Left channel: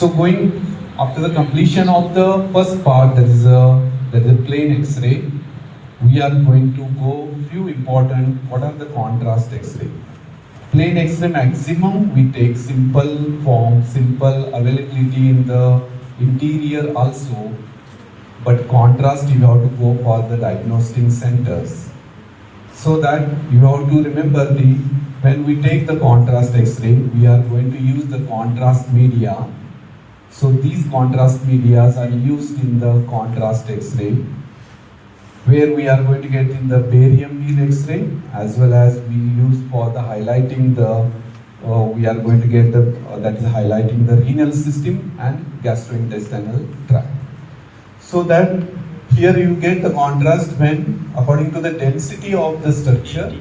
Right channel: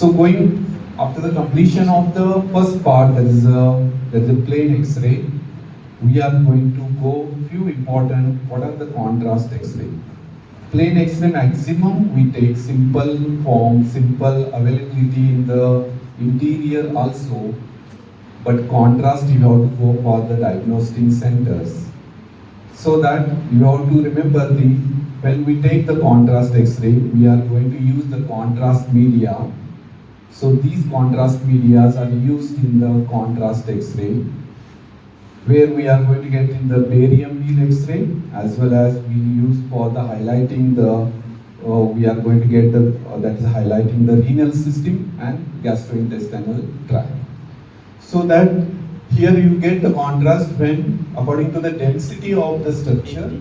So going after the completion of the first part, that is a plain X-ray, we are going to go few important, what are the contrast X-ray. Plain X-ray maximum, we take simple form, simple availability in the interior also, but contrast you have to go for the diagnostic centers. So that you have to remember when we take the contrast X-ray, we are going to use the contrast media. So these contrast medias are used in the contrast X-ray, where we are going to get in the barium meal X-ray, as well as we use for the highlighting the, we are going to get the, that is highlighting the renal system and gastrointestinal tract. So that here you get the contrast when, according to the density of the structure,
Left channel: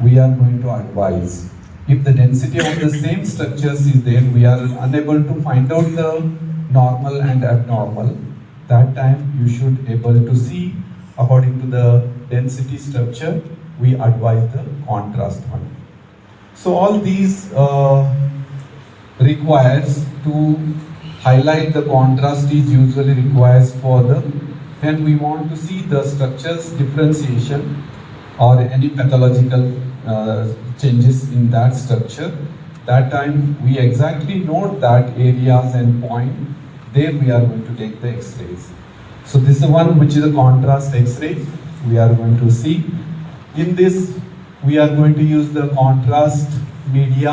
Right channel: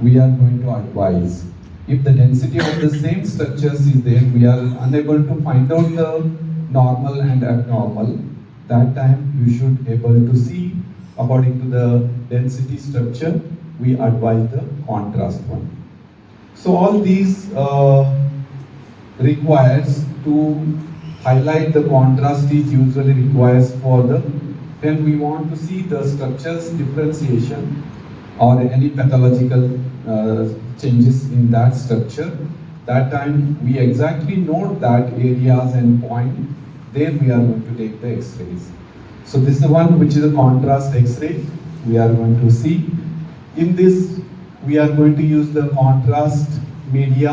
we are going to advise. If the density of the same structures is there, we are unable to find out the normal and abnormal. That time you should able to see according to the density structure, we advise the contrast one. So all these requires to highlight the contrast is usually requires for the when we want to see the structures differentiation or any pathological changes in that structure. That time we exactly note that areas and point. There we are going to take the X-rays. So this is one which is a contrast X-ray. We are going to see. In this, we are going to use the contrast media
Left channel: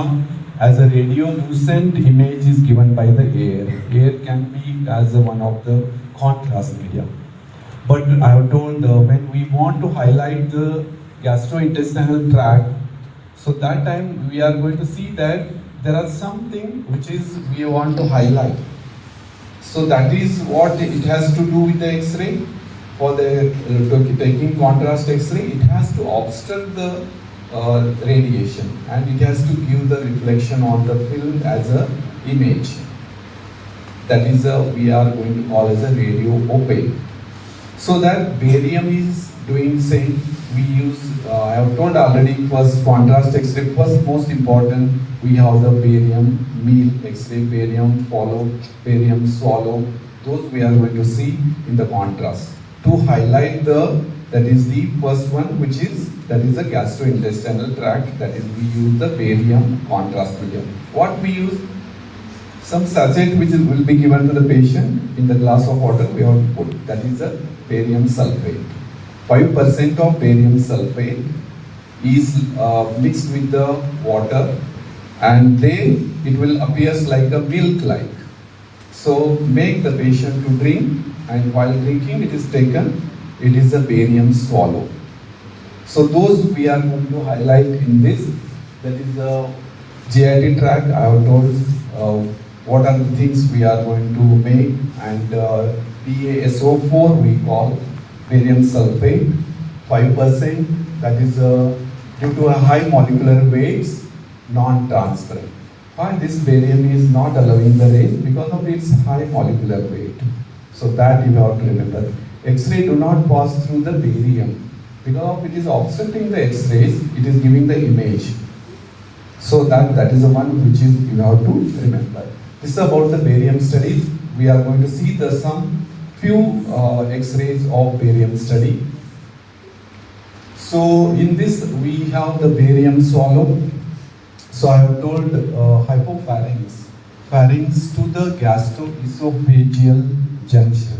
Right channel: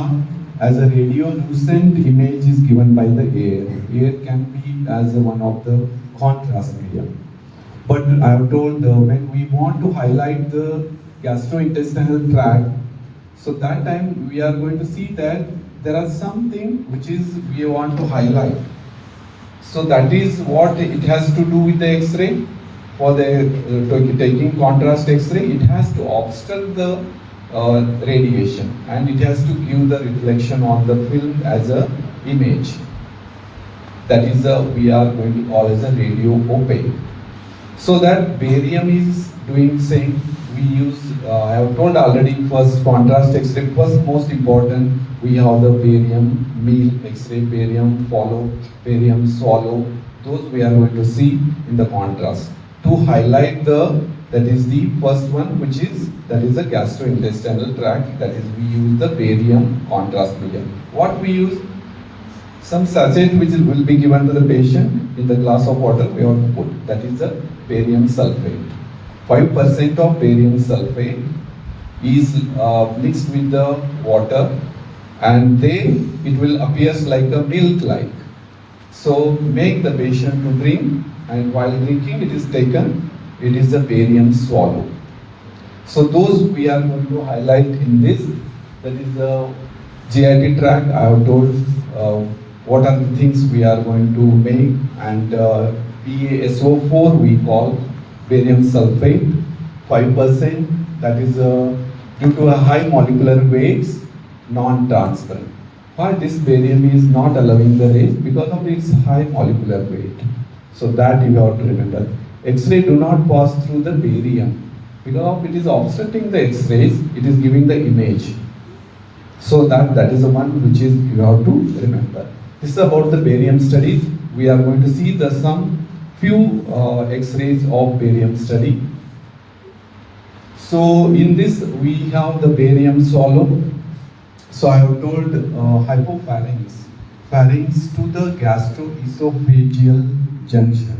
as a radiolucent image is given by the air. Air can be as one of the contrast media. But I have told when we want to highlight the gastrointestinal tract, so that time we are going to see that there are something which is we want to highlight. So that is what it has to do with the X-ray. For the taking contrast X-ray, it has to obstruct the radiation and it has to give the reflection on the film as a image. That is we are going to call as a radio opaque. So that barium is doing same. We use, I have told already, first contrast X-ray, first most important, we have the barium meal X-ray, barium follow, barium swallow. Those we are going to see in the contrast. To highlight the, that is the first one, which is, that is the gastrointestinal tract, that is we use the barium contrast medium. What we use? Some sachet which will be given to the patient in the glass of water we have to put, that is the barium sulfate. 5% of barium sulfate is mixed with the water and then it will appear like a milk-like. So make the patient to drink, and while drinking it is taken, it is a barium swallow. So those we are going to highlight in this, that is the GIT tract. I have told what are the things we are going to make, and PaSO4 we call barium sulfate, 5%, that is due to a high molecular weights, non-transparent. Or this barium is not allowing the ray because of its high molecular weight. So that you have to remember. X-ray do not pass through the barium because of it is obstructing the X-rays, it is giving the image. So that is the one which is you have to remember. This is about the barium study. We are going to see the some few X-rays of barium study. So in this we have the barium swallow. So I have told hypopharynx, pharynx to the gastroesophageal junction.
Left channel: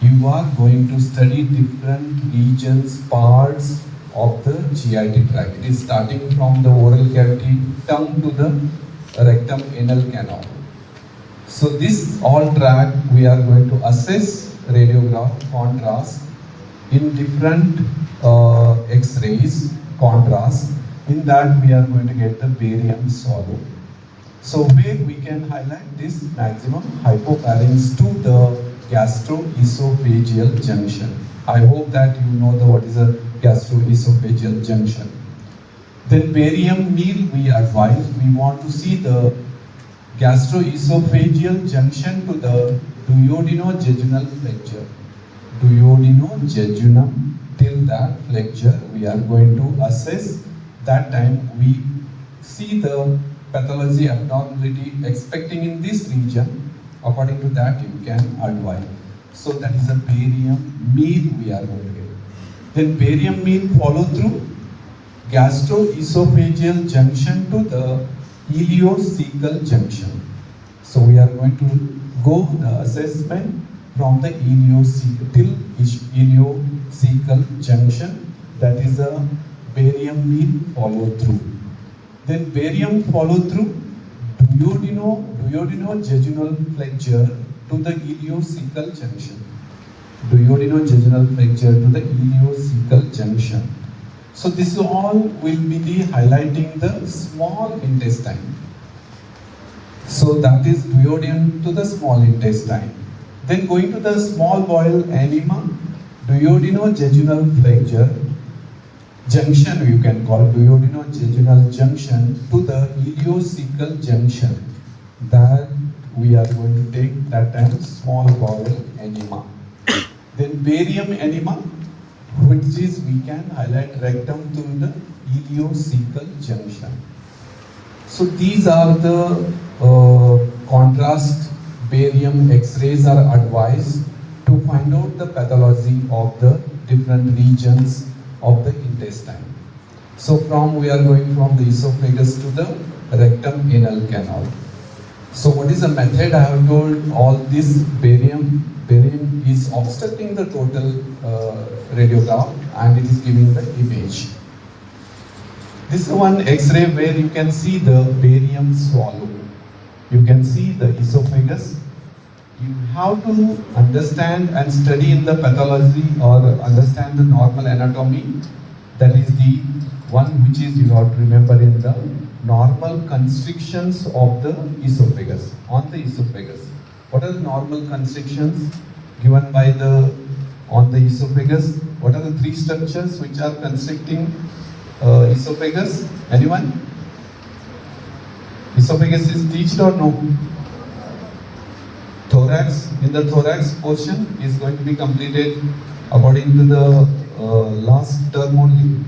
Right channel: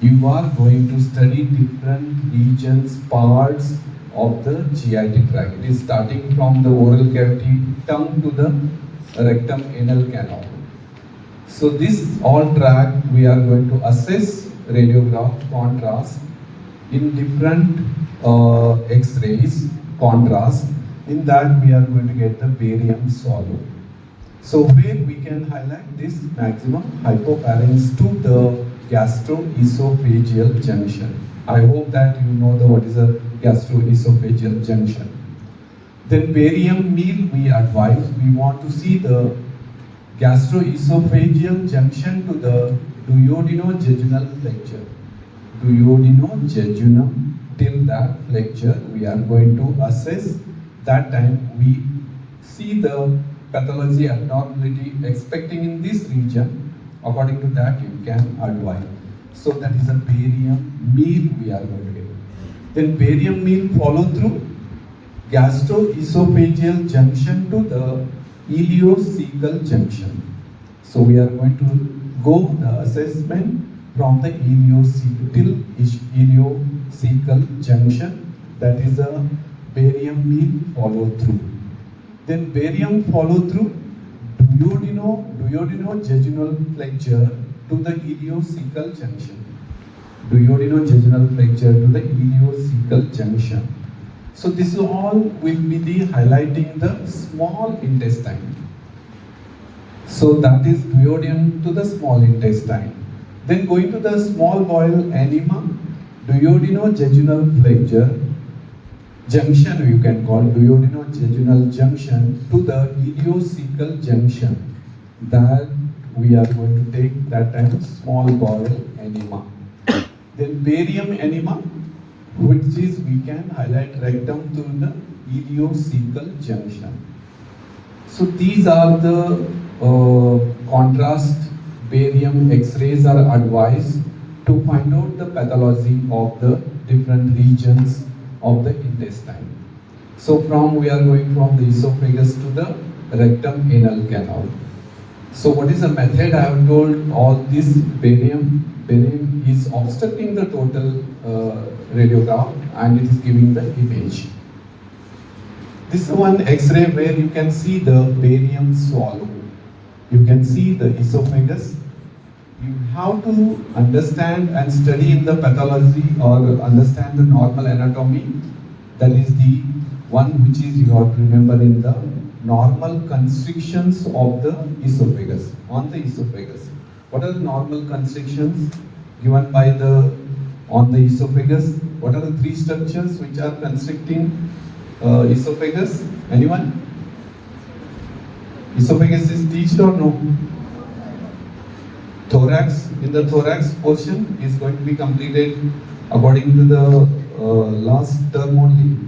You are going to study different regions, parts of the GIT tract. It is starting from the oral cavity, tongue to the rectum anal canal. So this all tract we are going to assess radiograph contrast in different X-rays contrast. In that we are going to get the barium swallow. So where we can highlight this maximum hypopharynx to the gastroesophageal junction. I hope that you know what is a gastroesophageal junction. Then barium meal we advise, we want to see the gastroesophageal junction to the duodenojejunal flexure. Duodenojejunum, till that flexure we are going to assess. That time we see the pathology abnormality expecting in this region, according to that you can advise. So that is a barium mean we are going to get. Then barium mean follow through gastroesophageal junction to the ileocecal junction. So we are going to go the assessment from the ileocecal till ileocecal junction. That is a barium mean follow through. Then barium follow through duodenojejunal flexure to the ileocecal junction. Duodenojejunal flexure to the ileocecal junction. So this all will be the highlighting the small intestine. So that is duodenum to the small intestine. Then going to the small bowel enema, duodenojejunal flexure junction you can call duodenojejunal junction to the ileocecal junction. That we are going to take that time small bowel enema. Then barium enema, which is we can highlight rectum to the ileocecal junction. So these are the contrast barium X-rays are advised to find out the pathology of the different regions of the intestine. So we are going from the esophagus to the rectum anal canal. So what is the method? I have told all this barium is obstructing the total radiograph and it is giving the image. This is one X-ray where you can see the barium swallow. You can see the esophagus. You have to understand and study in the pathology or understand the normal anatomy. That is the one which is you have to remember in the normal constrictions of the esophagus, on the esophagus. What are the normal constrictions given by on the esophagus? What are the three structures which are constricting esophagus? Anyone? Esophagus is teached or no? Thorax, in the thorax portion is going to be completed according to the last term only.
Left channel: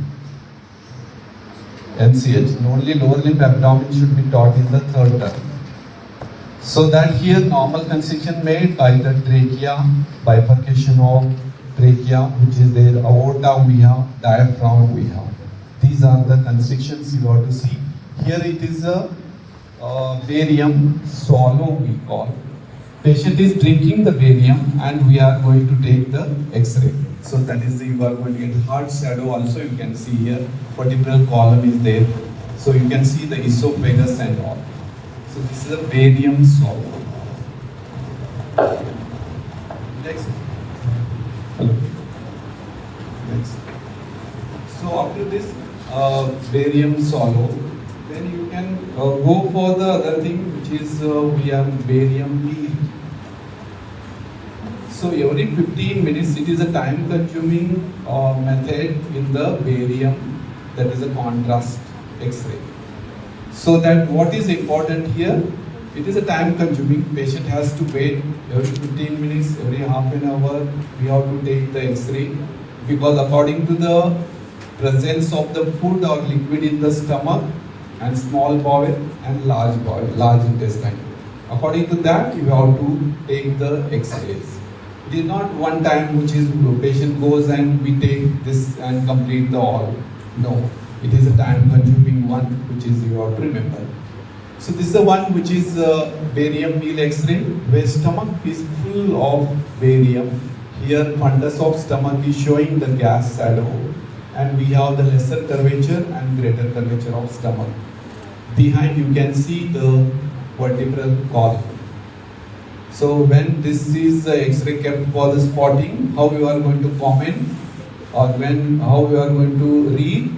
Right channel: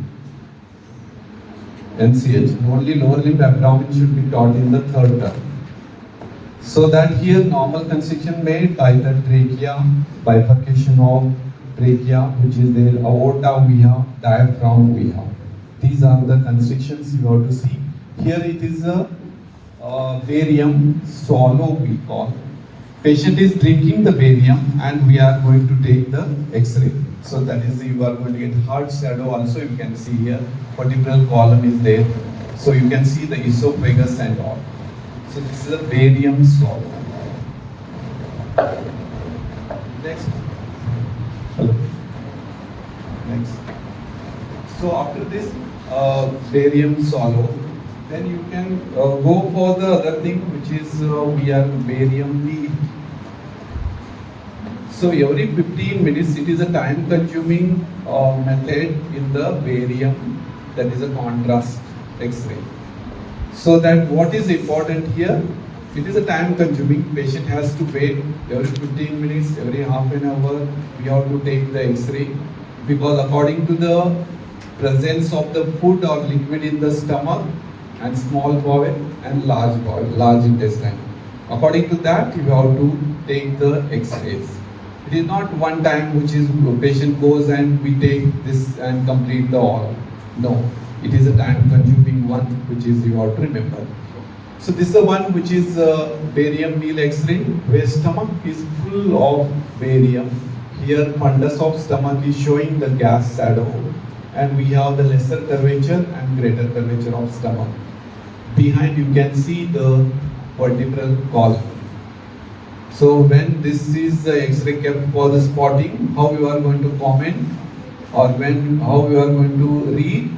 NCH, only lower limb abdomen should be taught in the third term. So that here normal constriction made by the trachea, bifurcation of trachea, which is there, aorta we have, diaphragm we have. These are the constrictions you have to see. Here it is a barium swallow we call. Patient is drinking the barium and we are going to take the X-ray. So that is you are going to get hard shadow also. You can see here vertebral column is there. So you can see the esophagus and all. So this is a barium swallow. Next. So after this barium swallow, then you can go for the other thing which is we have barium meal. So every 15 minutes it is a time consuming method in the barium, that is a contrast X-ray. So that what is important here, it is a time consuming, patient has to wait every 15 minutes, every half an hour we have to take the X-ray, because according to the presence of the food or liquid in the stomach and small bowel and large bowel, large intestine. According to that you have to take the X-rays. It is not one time which is patient goes and we take this and complete the all. No, it is a time consuming one which is you have to remember. So this is the one which is barium meal X-ray where stomach is full of barium. Here fundus of stomach is showing the gas shadow and we have the lesser curvature and greater curvature of stomach. Behind you can see the vertebral column. So when this is the X-ray kept for the spotting, how you are going to comment or how you are going to read.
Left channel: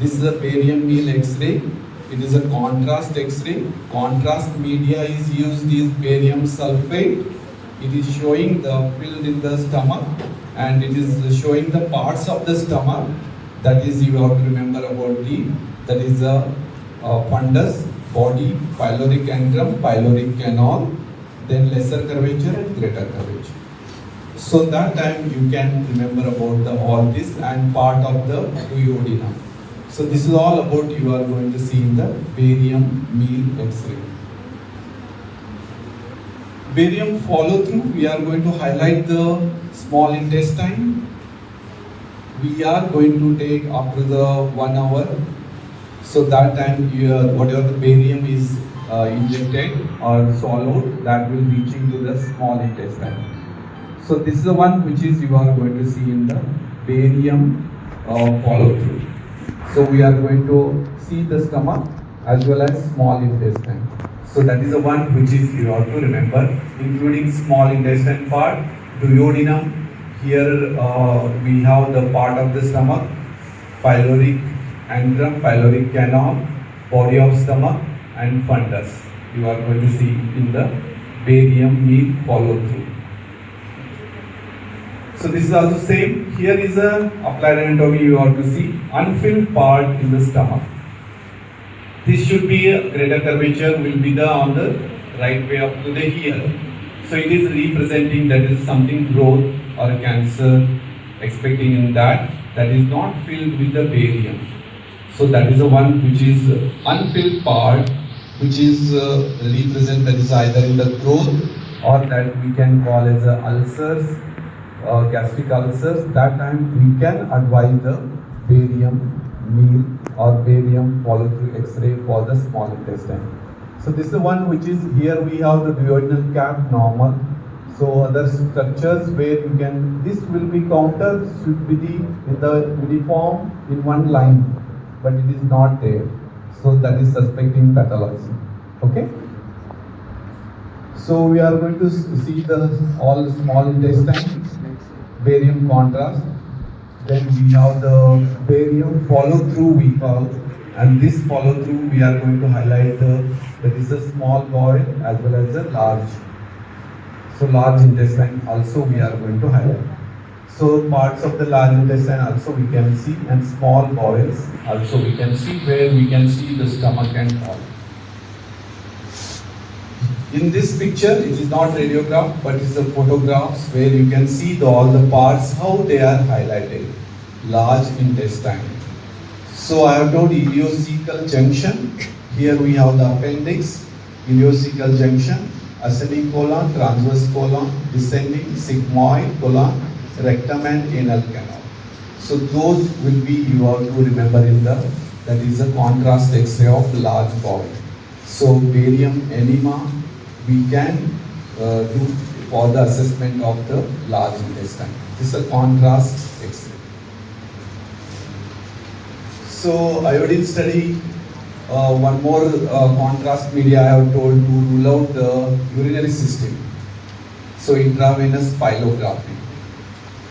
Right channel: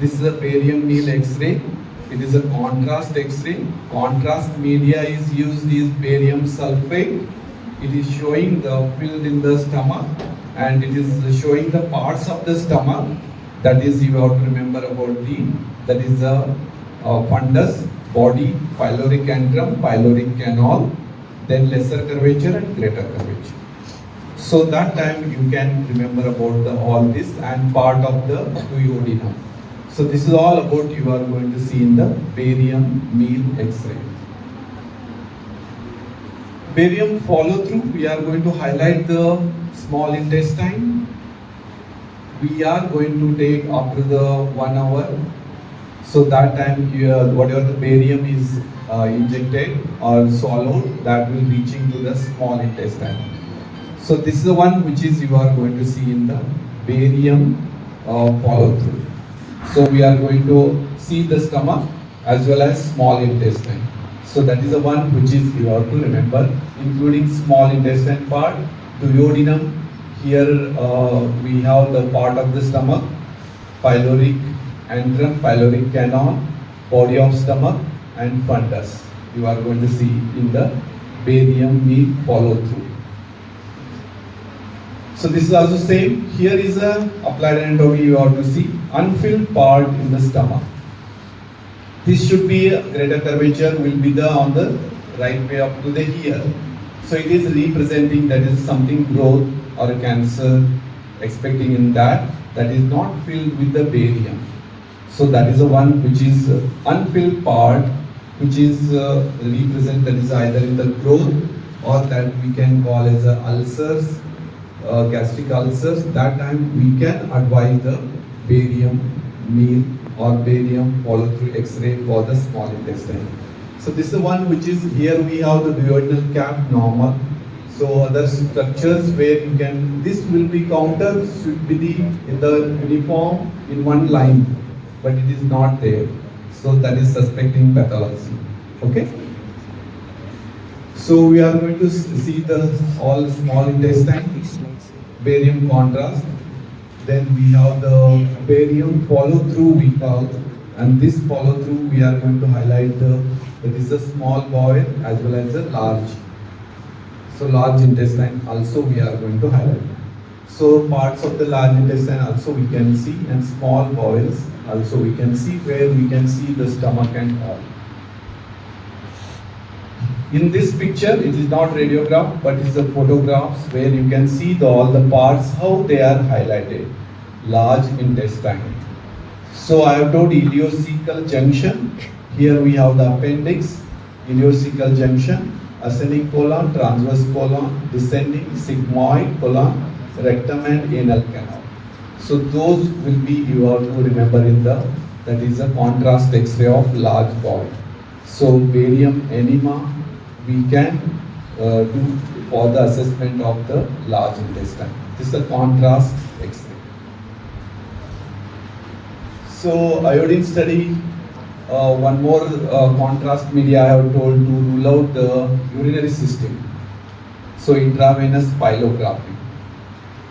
This is a barium meal X-ray. It is a contrast X-ray. Contrast media is used is barium sulfate. It is showing the filled in the stomach and it is showing the parts of the stomach. That is you have to remember about that is the fundus, body, pyloric antrum, pyloric canal, then lesser curvature and greater curvature. So that time you can remember about all this and part of the duodenum. So this is all about you are going to see in the barium meal X-ray. Barium follow through, we are going to highlight the small intestine. We are going to take after the 1 hour. So that time whatever the barium is injected or swallowed, that will reach into the small intestine. So this is the one which is you are going to see in the barium follow through. So we are going to see the stomach as well as small intestine. So that is the one which is you have to remember, including small intestine part, duodenum. Here we have the part of the stomach, pyloric antrum, pyloric canal, body of stomach, and fundus. You are going to see in the barium meal follow through. So this is also same. Here is a applied anatomy. You have to see unfilled part in the stomach. This should be a greater curvature will be the on the right way up to the here. So it is representing that is something growth or cancer expecting in that is not filled with the barium. So that is the one which is unfilled part, which is represent that is either in the growth or that we can call as ulcers, gastric ulcers. That time we can advise the barium meal or barium follow through X-ray for the small intestine. So this is the one which is here we have the duodenal cap normal. So other structures where you can, this will be counter should be the uniform in one line, but it is not there. So that is suspecting pathology. Okay. So we are going to see the all small intestine, barium contrast. Then we have the barium follow through we call, and this follow through we are going to highlight that is a small bowel as well as a large. So large intestine also we are going to highlight. So parts of the large intestine also we can see, and small bowels also we can see, where we can see the stomach and all. In this picture, it is not radiograph, but it is a photographs where you can see all the parts, how they are highlighted. Large intestine. So I have told ileocecal junction. Here we have the appendix, ileocecal junction, ascending colon, transverse colon, descending sigmoid colon, rectum and anal canal. So those will be you have to remember in the, that is a contrast X-ray of large bowel. So barium enema we can do for the assessment of the large intestine. This is a contrast X-ray. So iodine study, one more contrast media I have told to rule out the urinary system. So intravenous pylography.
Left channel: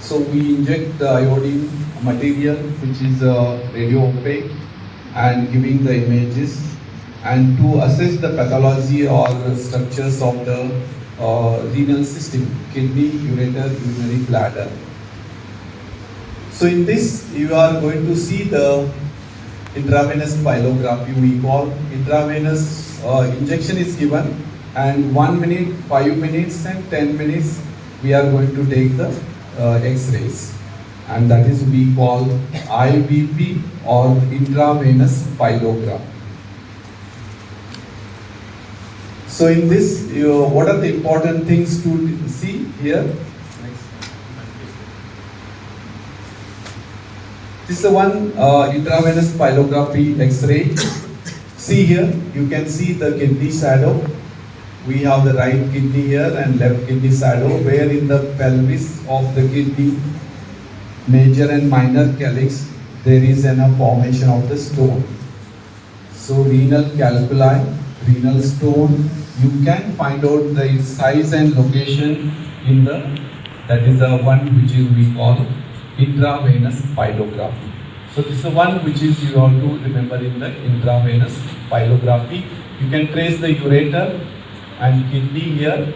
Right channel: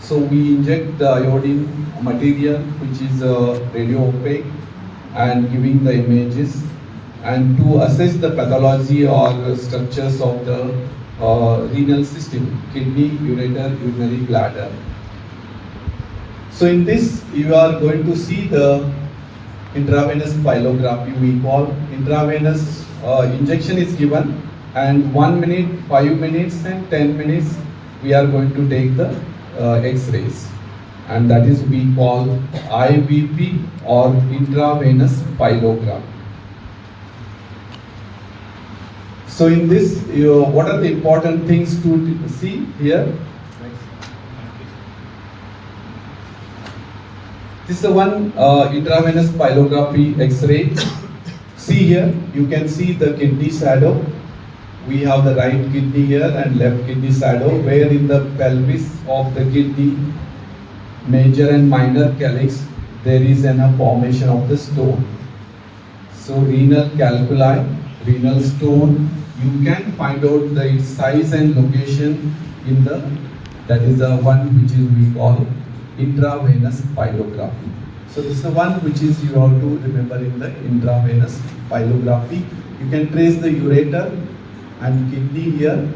So we inject the iodine material which is radio opaque and giving the images, and to assess the pathology or structures of the renal system, kidney, ureter, urinary bladder. So in this you are going to see the intravenous pylography. We call intravenous injection is given, and 1 minute, 5 minutes and 10 minutes we are going to take the X-rays, and that is we call IVP or intravenous pylography. So in this, what are the important things to see here? This is the one intravenous pylography X-ray. See here, you can see the kidney shadow. We have the right kidney here and left kidney shadow, where in the pelvis of the kidney, major and minor calyx, there is a formation of the stone. So renal calculi, renal stone, you can find out the size and location in the, that is the one which is we call intravenous pylography. So this is the one which is you have to remember in the intravenous pylography. You can trace the ureter and kidney here,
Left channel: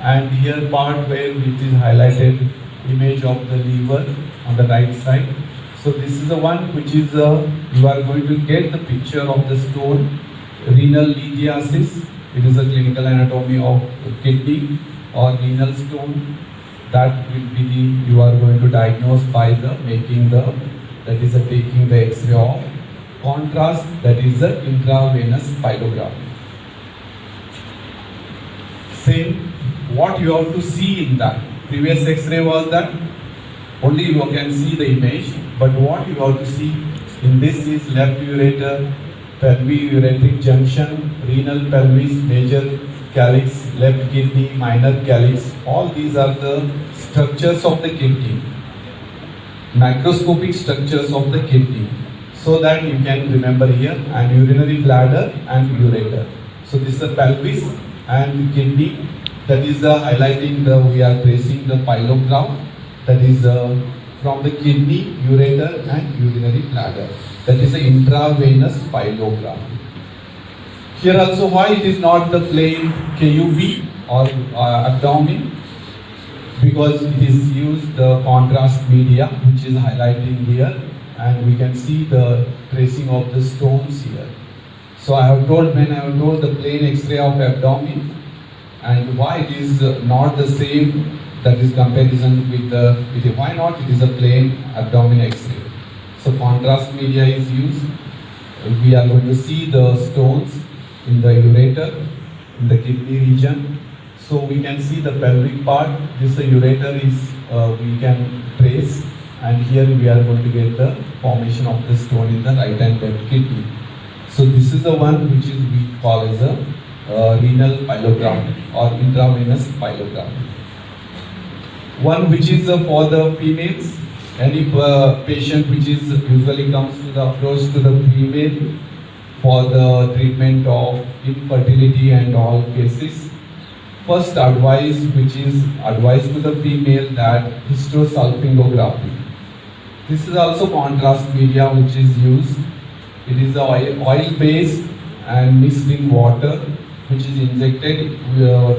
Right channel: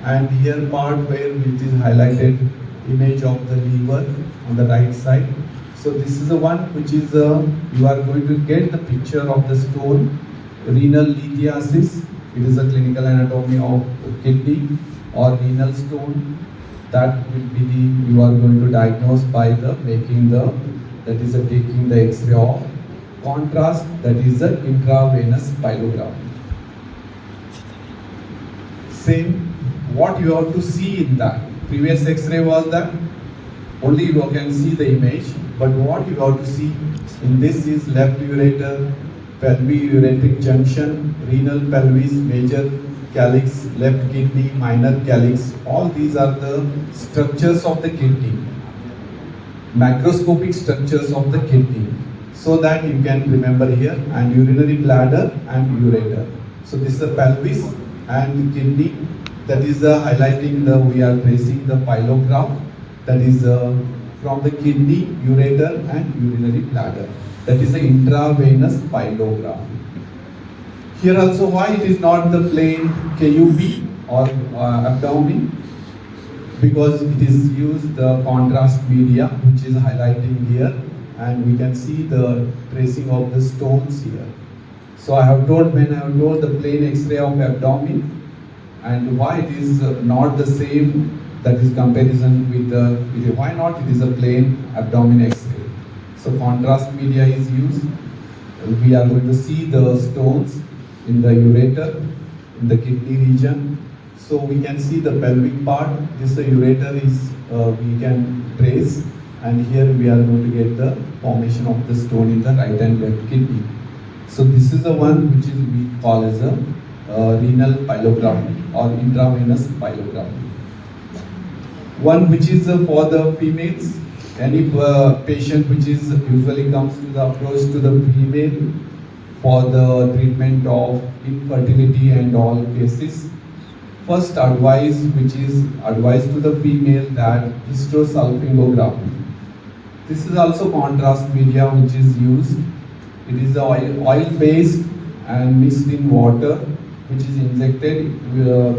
and here part where which is highlighted image of the liver on the right side. So this is the one which is you are going to get the picture of the stone, renal lithiasis. It is a clinical anatomy of kidney or renal stone. That will be the, you are going to diagnose by the making the, that is a taking the X-ray of contrast, that is the intravenous pyelography. Same, what you have to see in that. Previous X-ray was that only you can see the image, but what you have to see in this is left ureter, pelvic junction, renal pelvis, major calyx, left kidney, minor calyx. All these are the structures of the kidney, macroscopic structures of the kidney, so that you can remember here, and urinary bladder and ureter. So this is the pelvis and kidney. That is highlighting the, we are tracing the pyelograph, that is from the kidney, ureter and urinary bladder. That is the intravenous pyelograph. Here also, why it is not the plain KUV or abdomen? Because it is used the contrast media, which is highlighting here, and we can see the tracing of the stones here. So I have told, when I have told the plain X-ray of abdomen, and why it is not the same, that is comparison with the, why not it is a plain abdomen X-ray. So contrast media is used. We are going to see the stones in the ureter, in the kidney region. So we can see the pelvic part. This ureter is, we can trace, and here we are going to get the formation of the stone in the right and left kidney. So this is the one which is we call as a renal pyelography or intravenous pyelography. One which is for the females, any patient which is usually comes to the approach to the female for the treatment of infertility and all cases. First advice which is advised to the female, that hysterosalpingography. This is also contrast media which is used. It is oil based and mixed in water, which is injected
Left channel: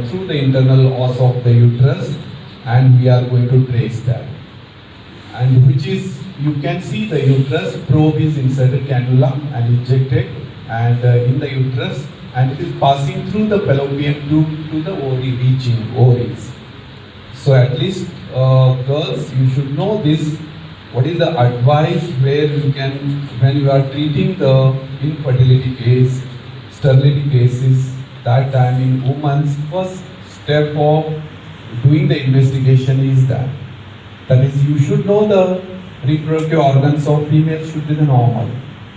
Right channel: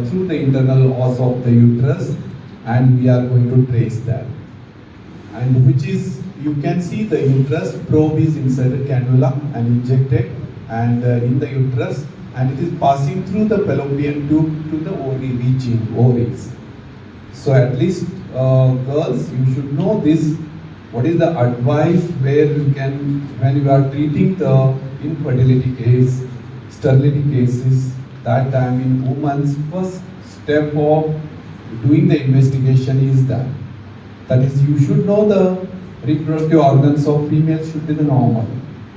through the internal os of the uterus, and we are going to trace that. And which is, you can see the uterus, probe is inserted cannula and injected and in the uterus, and it is passing through the fallopian tube to the ovary, reaching ovaries. So at least girls, you should know this. What is the advice where you can, when you are treating the infertility case, sterility cases, that time in women's first step of doing the investigation is that is, you should know the reproductive organs of female should be the normal,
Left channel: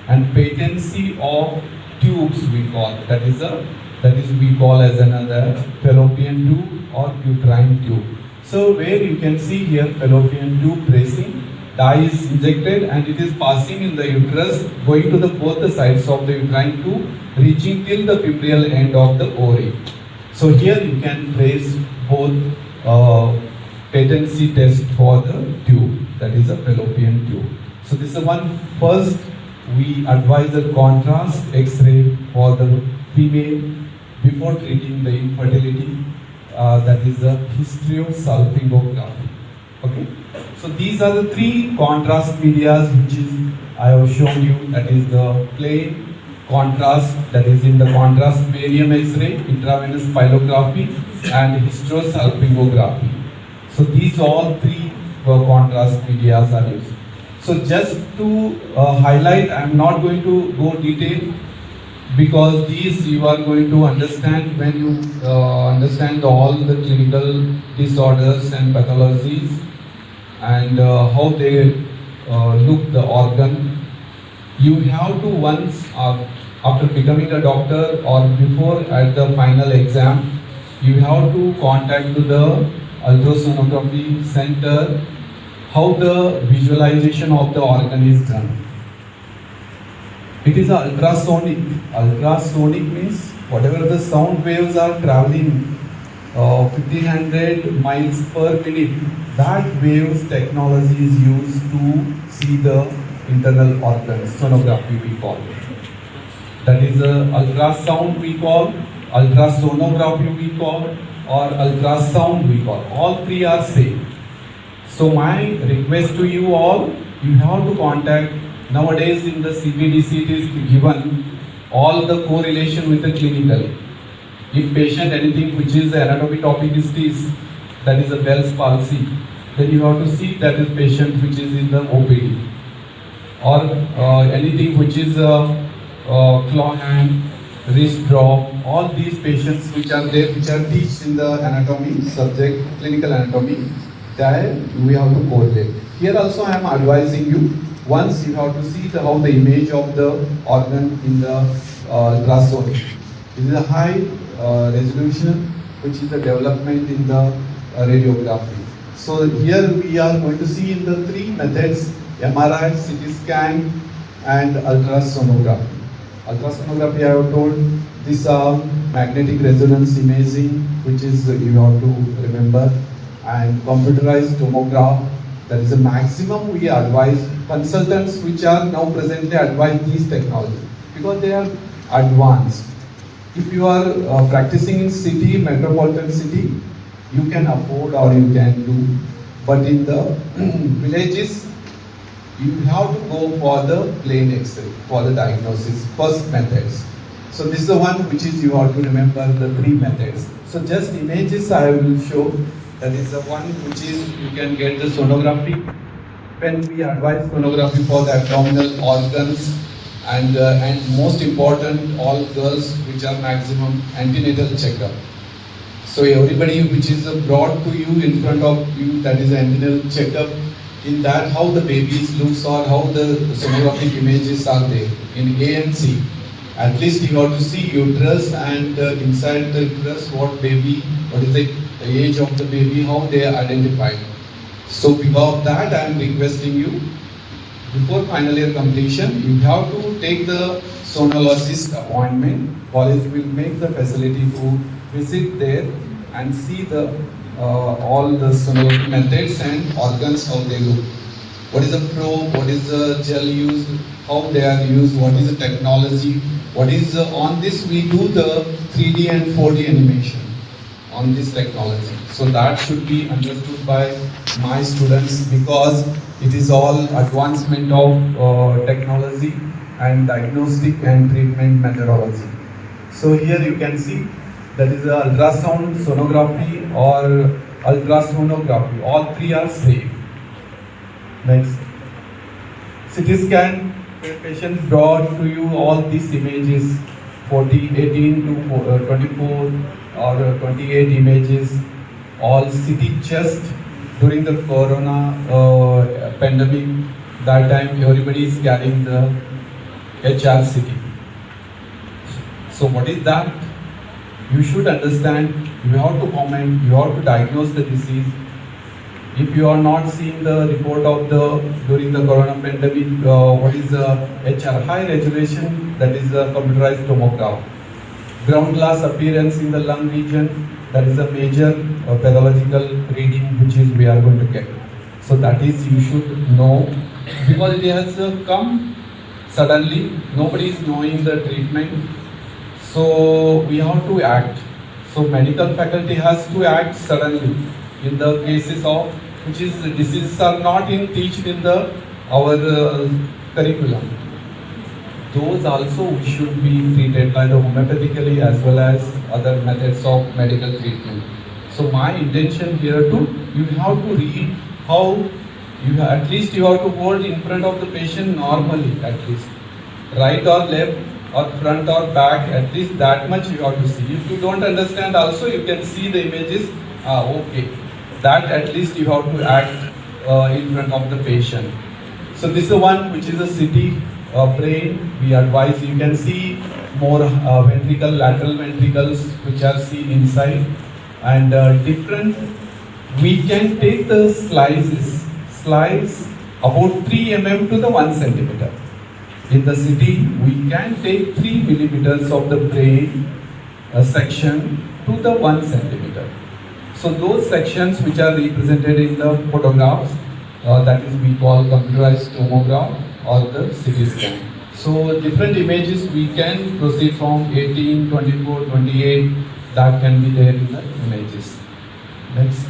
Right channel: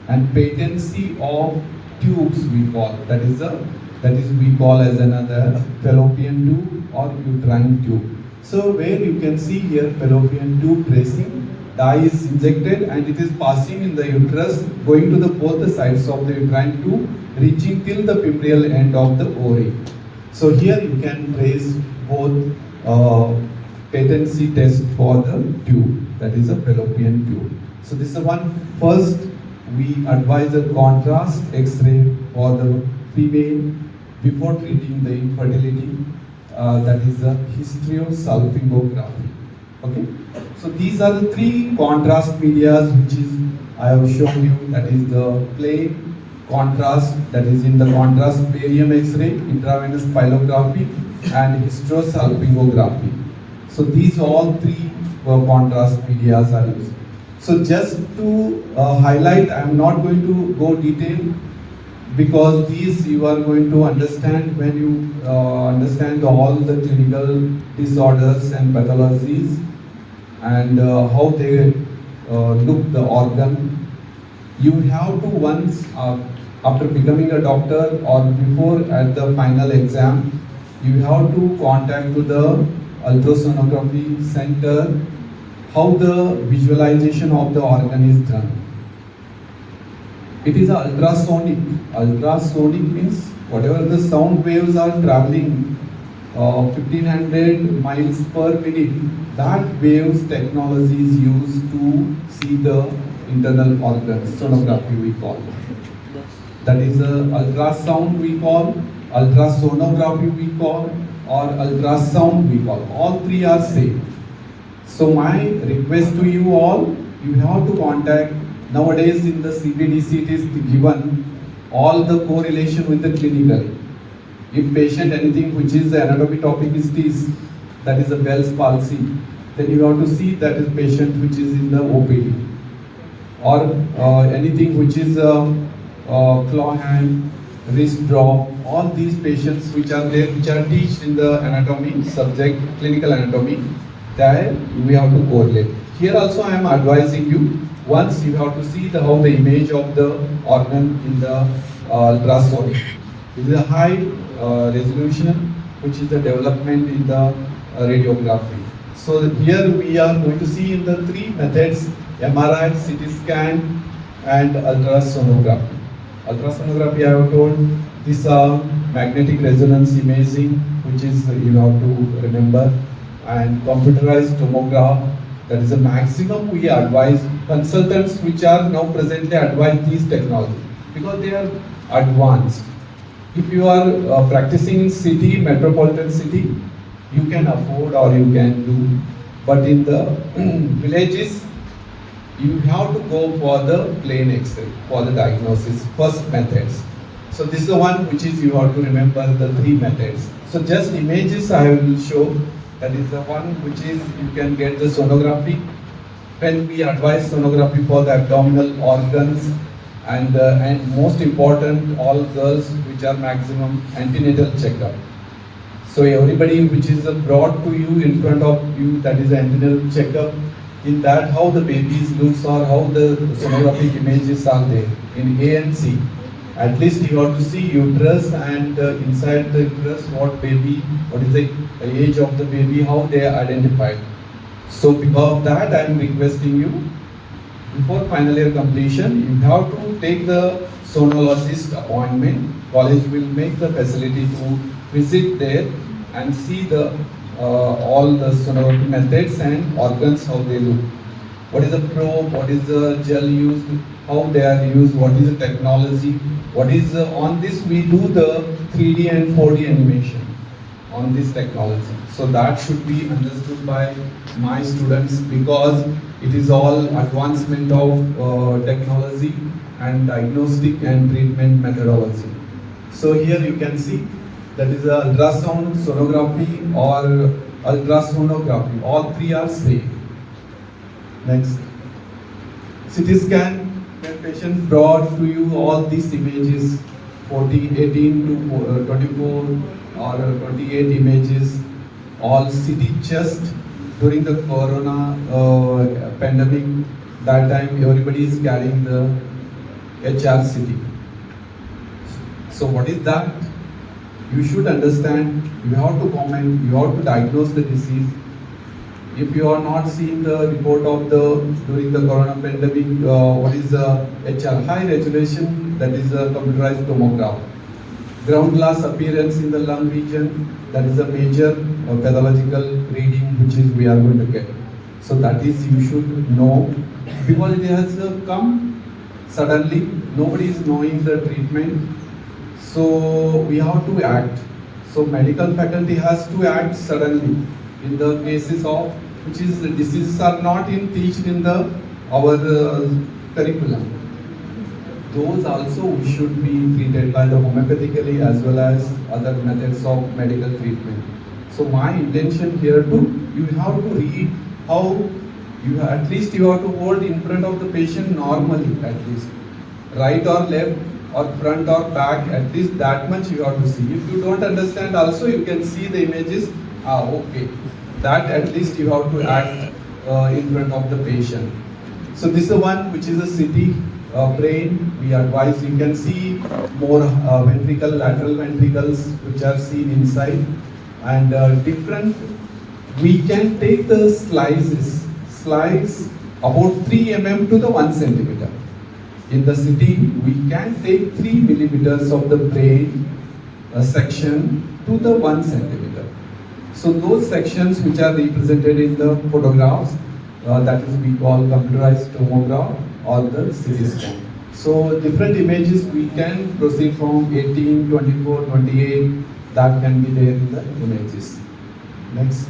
and patency of tubes we call, that is we call as another fallopian tube or uterine tube. So where you can see here fallopian tube tracing, dye is injected and it is passing in the uterus, going to the both the sides of the uterine tube, reaching till the fimbrial end of the ovary. So here you can trace both patency test for the tube, that is a fallopian tube. So this is one. First, we advise a contrast X-ray for the female before treating the infertility, that is a hysterosalpingography. Okay. So these are the three contrast medias which is I have shown you, that is the plain contrast, that is in the contrast barium X-ray, intravenous pyelography and hysterosalpingography. So these all three contrast medias are used. So just to highlight, I am not going to go detail, because these you are going to understand when you understand all the clinical disorders and pathologies and how they look the organ. You have to once after becoming a doctor or before at the final exam, you have to contact to the ultrasonography center how the visualization of the organ is done. It is ultrasonic. Ultrasonic means whatever the sound waves are traveling 1500 miles per minute, that waves technology is used to see the internal organs. Sonography we call it. That is ultrasound we call, ultrasonography we call, or ultrasound we call. All three are same. So my request to you all, you have to contact. Nowadays in the CBDC it is given all the correlation with the clinical. If patient anything which is the anatomy topic is this, that is a Bell's palsy, then you have to see that is patient which is in the OPD. or anything which is claw hand, wrist drop, all these patients which are there, which are taught in the anatomy subject, clinical anatomy, that we have to correlate. Here also I am advising you, once you have to see how the image of the organ in the ultrasound. This is a high resolution, which is the development in the radiography. So here we are going to see in the three methods: MRI, CT scan, and ultrasonography. Ultrasonography, I have told, this magnetic resonance imaging, which is you have to remember, and computerized tomograph. That is the maximum we advise consultants which are now presently advise these technologies because they are advanced. If you are practicing in city, metropolitan city, you can afford or you can do. But in the villages, you have to go for the plain X-ray for the diagnosis, first methods. So this is the one which is you have to remember the three methods. So just images I will show. That is the one which is you can get the sonography. When we advise sonography for the abdominal organs and most important, all girls which are maximum antenatal checkup. So everybody which is brought to you in front of you, that is antenatal checkup. In that, how the babies looks or how the sonographic images are there in A and C. At least you have to see uterus and inside the uterus what is the age of the baby, how they are identified. So because of that, I am requesting you, before final year completion, you have to take the sonologist appointment. College will make the facility to visit there and see the all the sonography methods and organs, how they look. What is the probe, what is the gel used, how they are used, what is the technology, what is on this we do the 3D and 4D animation on this technology. So that should be understood by my students because it is all advancement of technology and diagnostic and treatment methodology. So here you can see that is the ultrasound, sonography or ultrasonography. All three are same. Next. CT scan, patient brought to you all these images, 18 to 24 or 28 images, all CT chest during the corona pandemic. That time everybody is carrying the HRCT. So what is that? You should understand, you have to comment, you have to diagnose the disease. If you are not seeing the report of during the corona pandemic, what is the HR? High resolution, that is the computerized tomograph. Ground glass appearance in the lung region, that is a major pathological reading which is we are going to get. So that is you should know because it has come suddenly, nobody is knowing the treatment. So we have to act. So medical faculty has to act suddenly in the cases of which is the diseases are not taught in the our curriculum. Those also we should be treated by the homeopathically as well as other methods of medical treatment. So my intention here you have to read how at least you have to hold in front of the patient normally, at least right or left or front or back, at least that much you have to see. If you don't understand also you can see the images, okay, that at least you have to act in front of the patient. So this is one which is a CT brain. We advise you can see more ventricle, lateral ventricles which are seen inside and different. We can take the slice about 3 mm to the 1 centimeter. In the CT, we can take 3 millimeters of the brain section to the 1 centimeter. So those sections which are represented in the photographs, that is we call computerized tomograph or the CT scan. So different images we can proceed from 18, 24, 28, that can be there in the images. Next.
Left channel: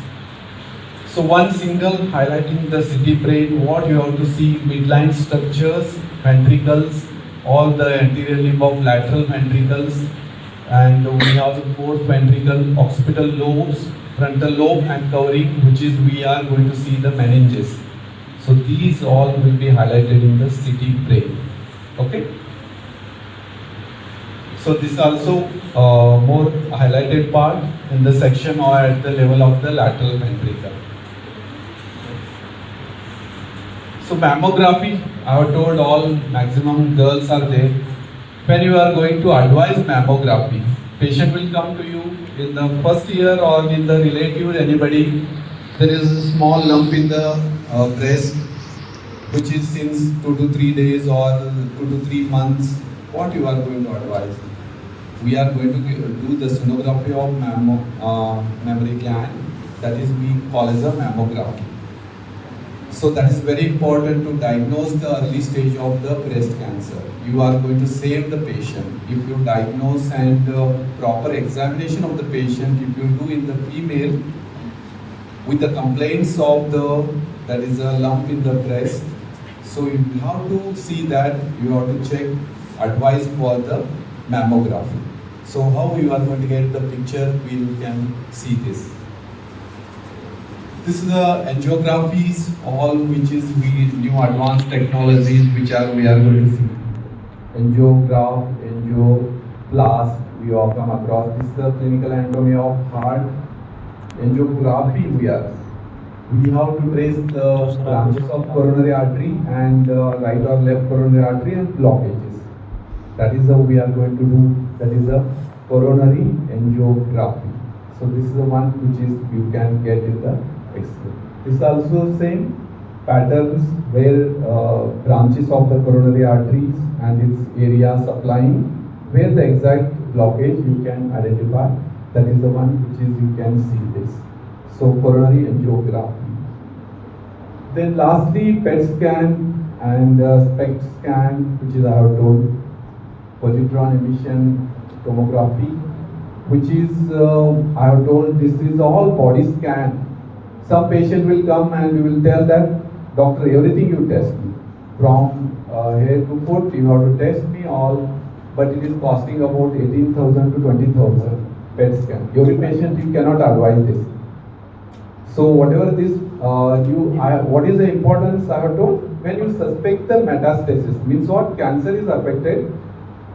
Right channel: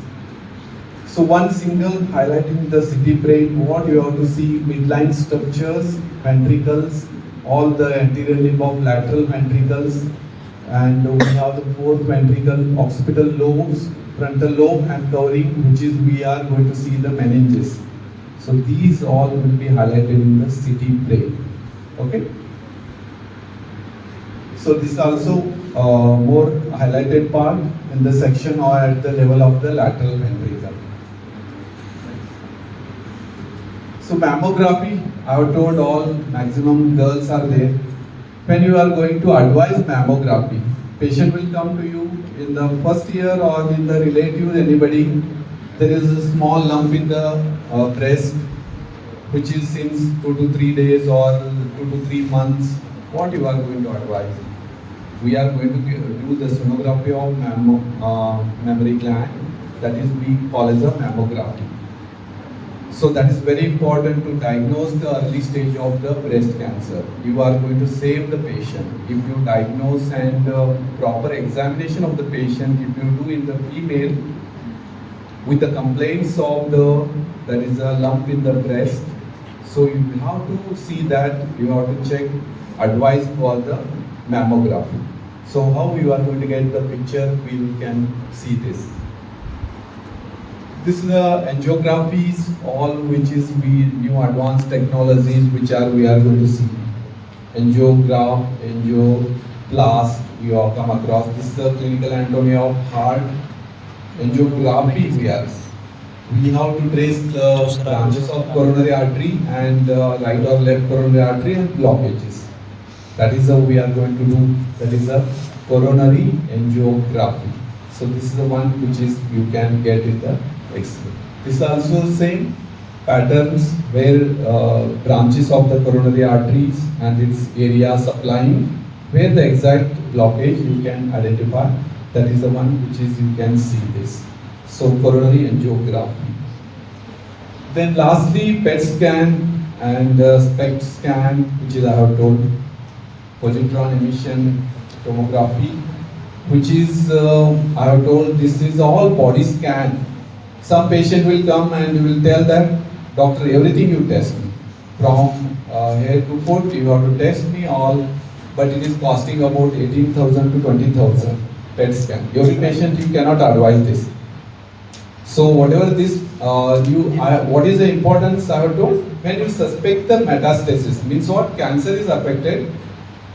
So one single highlighting the CT brain, what you have to see, midline structures, ventricles, all the anterior limb of lateral ventricles, and we have the fourth ventricle, occipital lobes, frontal lobe and covering, which is we are going to see the meninges. So So these all will be highlighted in the city brain. Okay. So this also more highlighted part in the section or at the level of the lateral ventricle. So mammography, I have told all maximum girls are there. When you are going to advise mammography, patient will come to you in the first year or in the relative, anybody, there is a small lump in the breast, which is since 2 to 3 days or 2 to 3 months. What you are going to advise? We are going to do the sonography of mammary gland, that is we call as a mammography. So that is very important to diagnose the early stage of the breast cancer. You are going to save the patient. If you diagnose and proper examination of the patient, if you do in the female with the complaints of that is a lump in the breast, so you have to see that, you have to check, advice for the mammography. So how you are going to get the picture, we can see this. This is the angiographies, all which is new advanced technologies which we are going to see. Angiograph, angioplast, you have come across. This is the clinical anatomy of heart. Angiography we have to trace the branches of coronary artery and right or left coronary artery and blockages. That is how we are going to do. That is a coronary angiography. So this is the one which is you can get in the X-ray. This is also the same patterns where branches of the coronary arteries and its area supplying, where the exact blockage you can identify. That is the one which is you can see this. So coronary angiography. Then lastly, PET scan and SPECT scan, which is I have told, positron emission tomography, which is I have told this is all body scan. Some patient will come and will tell that, doctor, everything you test me, from head to foot, you have to test me all, but it is costing about 18,000 to 20,000 PET scan. Every patient you cannot advise this. So whatever this, what is the importance I have told? When you suspect the metastasis, means what? Cancer is affected.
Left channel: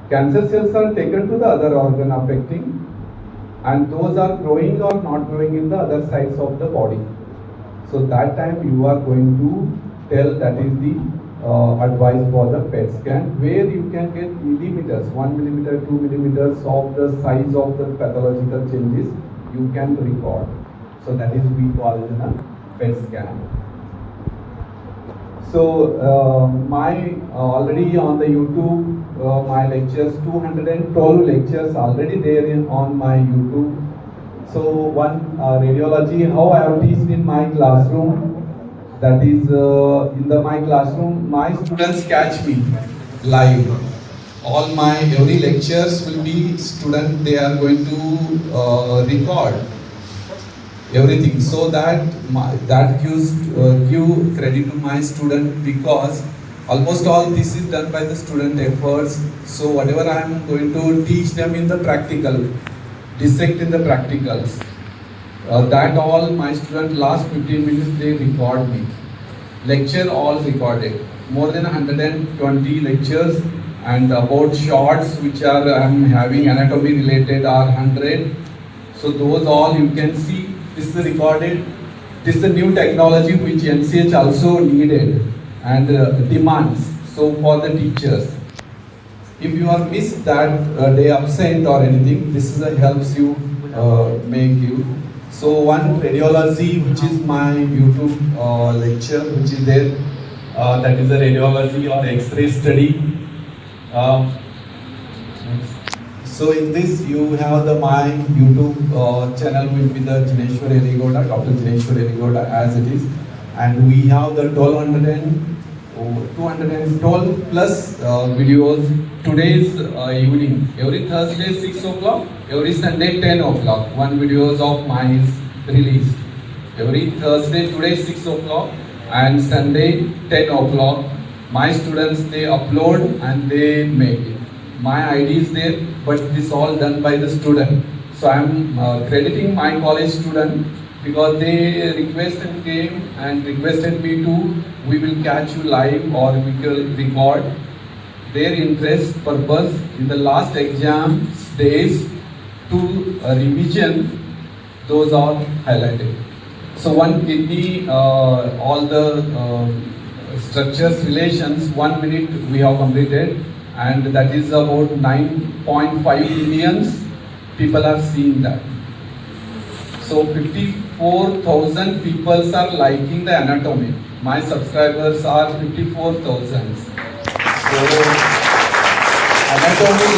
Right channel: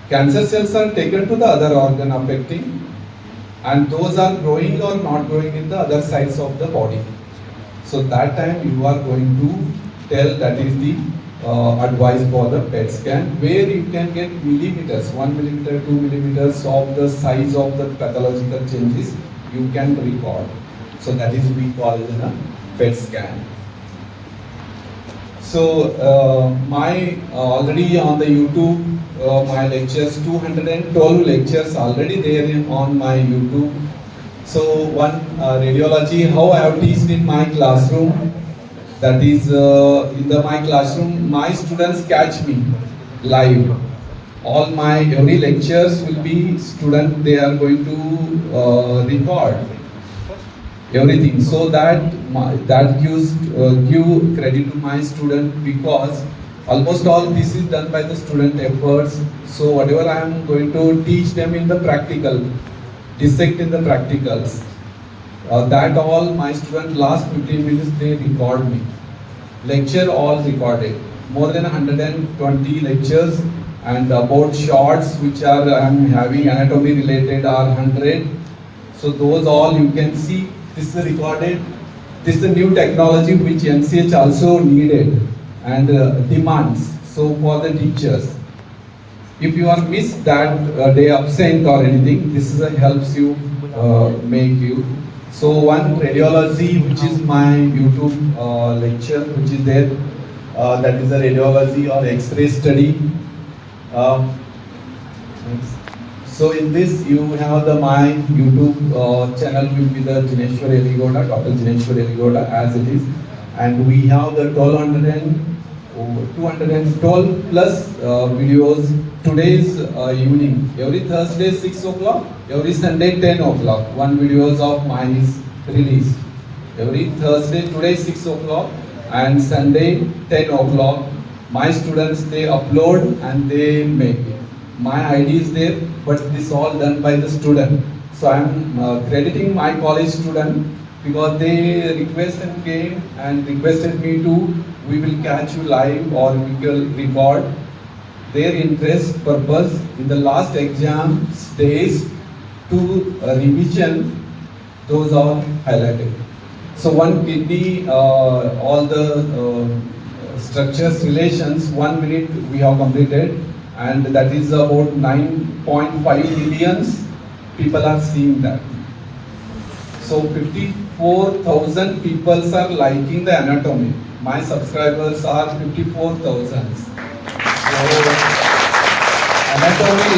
Cancer cells are taken to the other organ affecting, and those are growing or not growing in the other sides of the body. So that time you are going to tell, that is the advice for the PET scan, where you can get millimeters, 1 millimeter, 2 millimeters of the size of the pathological changes you can record. So that is we call it a PET scan. So my already on the YouTube, my lectures, 212 lectures already there on my YouTube. So one radiology, how I have taught in my classroom, that is in my classroom, my students catch me live. All my every lectures will be student, they are going to record everything, so that that gives give credit to my student, because almost all this is done by the student efforts. So whatever I am going to teach them in the practical, dissect in the practicals, that all my student last 15 minutes they record me. Lecture all recorded, more than 120 lectures, and about shorts which are I am having anatomy related are 100. So those all you can see. This is recorded. This is the new technology which NCH also needed and demands. So for the teachers, if you are missed that day absent or anything, this is helps you make you. So one radiology, which is my YouTube lecture, which is there, that is the radiology of X-ray study. So in this you have my YouTube channel will be the Jineshwar Yaligouda, Dr. Jineshwar Yaligouda as it is, and we have the 212 plus videos. Today's evening, every Thursday 6 o'clock, every Sunday 10 o'clock, one videos of mine is released. Every Thursday, today 6 o'clock and Sunday 10 o'clock, my students they upload and they make it. My ID is there, but this all done by the student. So I am crediting my college student because they came and requested me to, we will catch you live or we will record. Their interest purpose in the last exam days to revision, those are highlighted. So one kidney, all the structures, relations, 1 minute we have completed, and that is about 9.5 millions people are seeing that. So 54,000 people are liking the anatomy. My subscribers are 54,000. So anatomy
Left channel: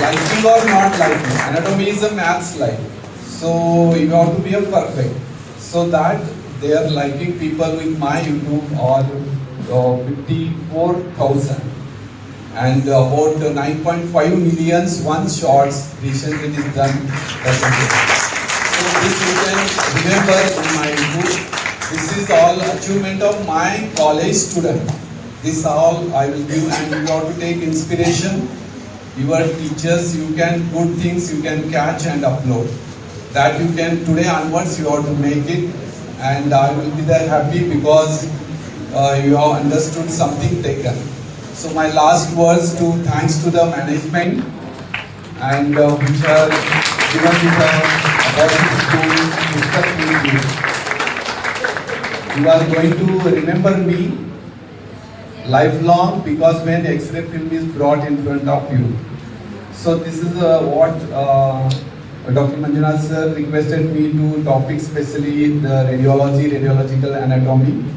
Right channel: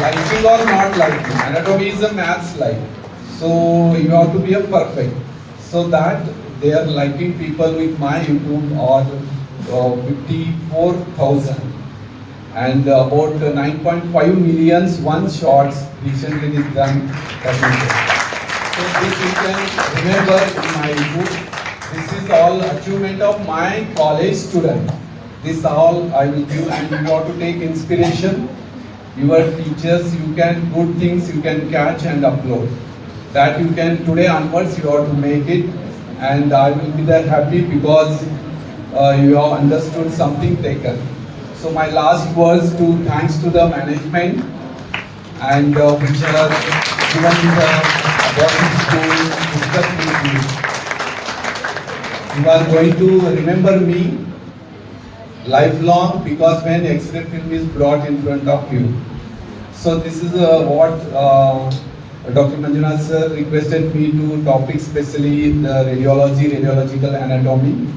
liking or not liking, anatomy is a maths like. So you have to be a perfect. So that they are liking people with my YouTube or 54,000. And about 9.5 millions one shots recently is done. So this you can remember in my book. This is all achievement of my college student. This all I will give, and you have to take inspiration. Your teachers, you can good things you can catch and upload. That you can today onwards you have to make it, and I will be there happy because you have understood something taken. So my last words to thanks to the management and which are given to the you are going to remember me lifelong because when X-ray film is brought in front of you. So this is what Dr. Manjunath sir requested me to topic, especially the radiological anatomy.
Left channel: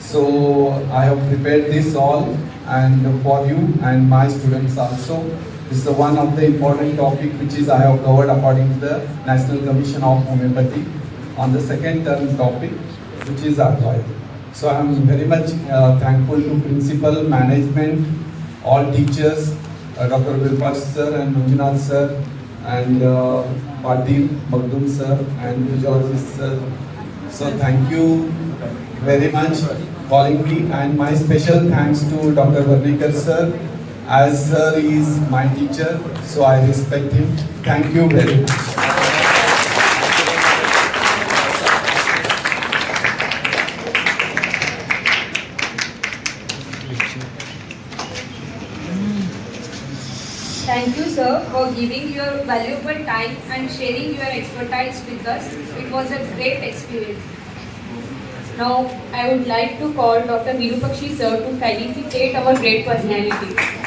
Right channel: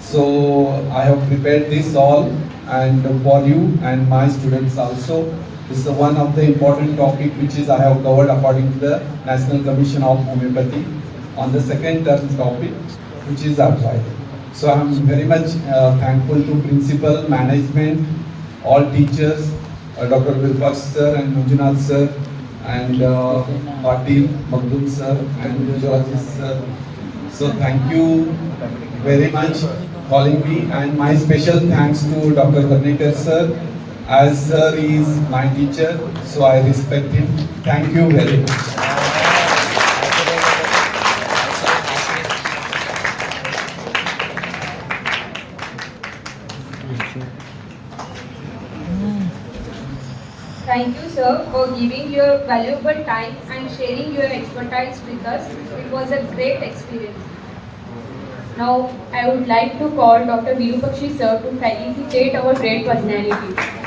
So I have prepared this all and for you and my students also. This is one of the important topic which is I have covered according to the National Commission of Homoeopathy on the second term topic, which is advice. So I am very much thankful to principal, management, all teachers, Dr. Vilpash sir and Manjunath sir, and Patil, Magdum sir, and radiologist sir. So thank you very much calling me, and my special thanks to Dr. Varnekar sir, as sir is my teacher, so I respect him. Thank you very much. Thank you, sir, for giving your valuable time and sharing your expertise with us. It was a great experience. Now, I would like to call Dr. Virupakshi sir to felicitate our great personality.